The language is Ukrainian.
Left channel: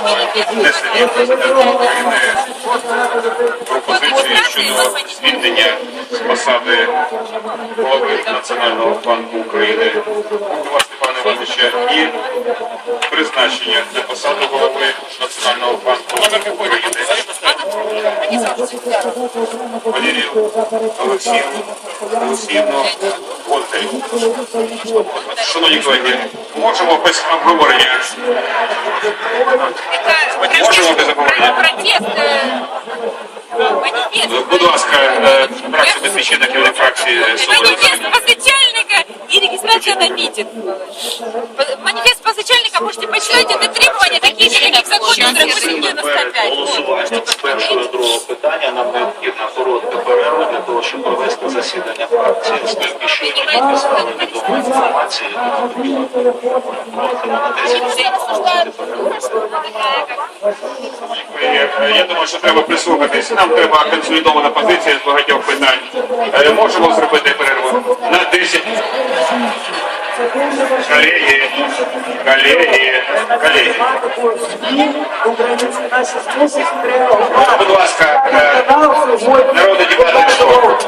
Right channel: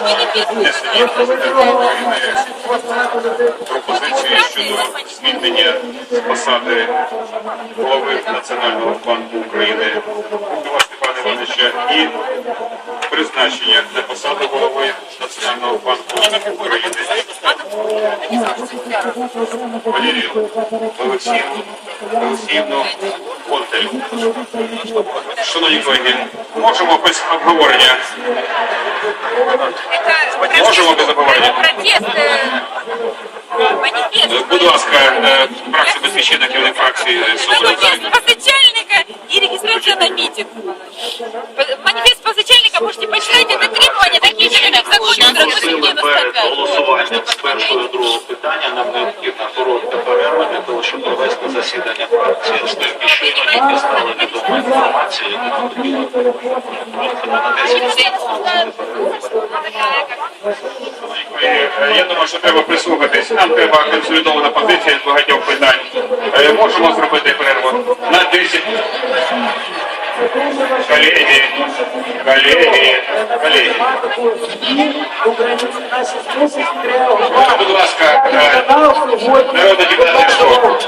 внесення президента України пропозиції щодо звільнення з посади голови Національного банку України Степана Івановича і призначення на посаду голови Національного банку України Валерію Олексіївну Олексіївну. Шановні колеги, можемо без обговорення. Можемо без обговорення. Протест, э, манифест. Будь ласка, е, фракція Батьківщина, керівник фракції Свобода. Манифест позначальника и регистрация на митинг. П- Манифест позначальника можете почитать, это требования такие же, как и в законе Драгоцин Перед 95. голосуванням з першого до другого питання нам необхідна коротка перерва для того, щоб провести засідання фракції, оскільки щойно тільки стала відома інформація, яку ми хотіли на 10 е, Я думаю, що треба прислухатись. Нам треба консолідована позиція з багатьох питань. Е, Можемо зробити перерву на 10. Колеги, колеги, колеги. Українці наші змусить реагувати. Будь ласка, сьогодні народний депутат Ляшко.